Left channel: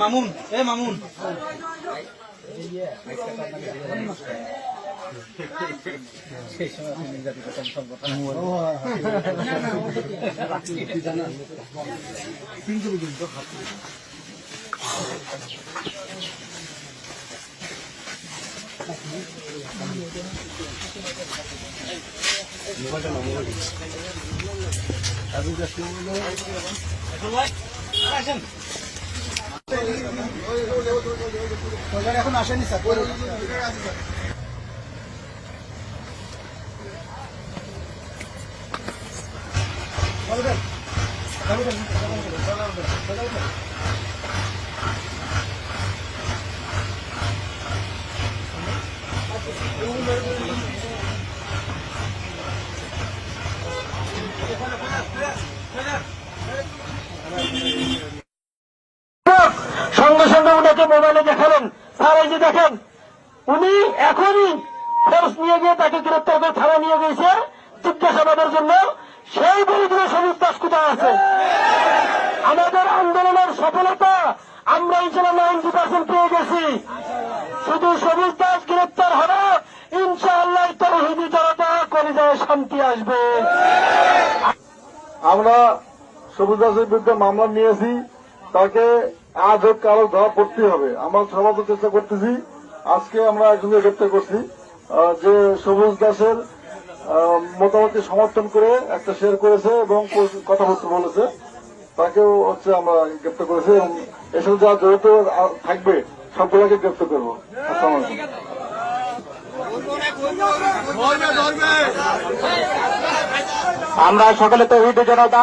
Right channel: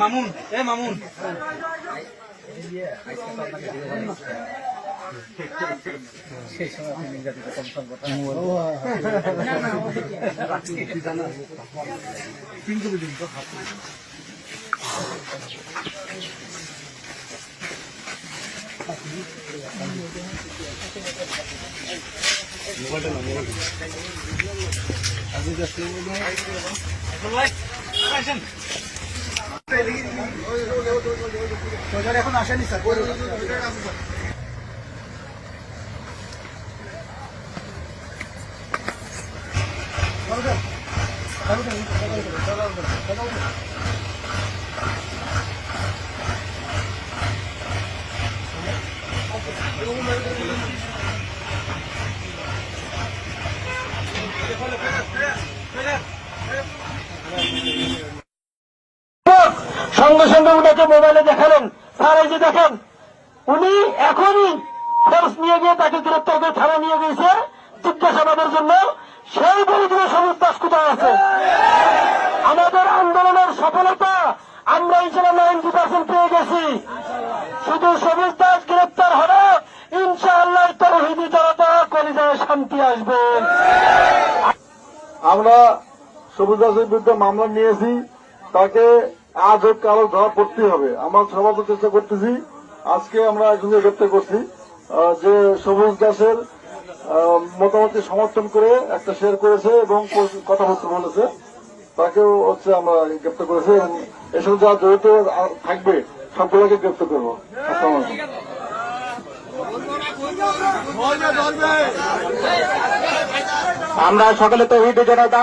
মামুন মামুন সেই সময় আপনি নির্যাতিত কমিশন কথা এখন আসেনি স্যার। সঙ্গে সঙ্গে উনাকে মোবাইলে দেখালেন, স্যার এই যে দেখেন উনি এখনই ফোর্স নিয়ে গিয়ে তাকে গ্রেপ্তার করে থানা নিয়ে গেছে জিজ্ঞাসাবাদের জন্য। সেই বলিগুলো সবুজ দাস কোথায় আছে? আমাদের আন্দোলনের সফলতা আমরা ইনশাল্লাহ 90% পেয়ে গেছি। শুধু সবুজ দাস গ্রেপ্তার হবে, ইনশাআল্লাহ তৌহিদি জনতা কলিজায় শান্তি আসবে। আমরা সবুজ দাসের বিরুদ্ধে মামলা নিয়েছি, তাকে আজ হোক কারো ধরা পড়তে হবে। আমরা সর্বোচ্চ চেষ্টা করতেছি। আজকে আমরা একজনকে গ্রেপ্তার করছি যে সবুজ দাসের মতামতকে সমর্থন করে একটা শেয়ার করেছে এবং কথাবার্তা বলেছে, তাকেও হচ্ছে আমরা গ্রেপ্তার করেছি এবং এসব যা জড়িত থাকবে সবগুলোকে গ্রেপ্তার করবো। আমরা সকলে তৌহিদি জনতা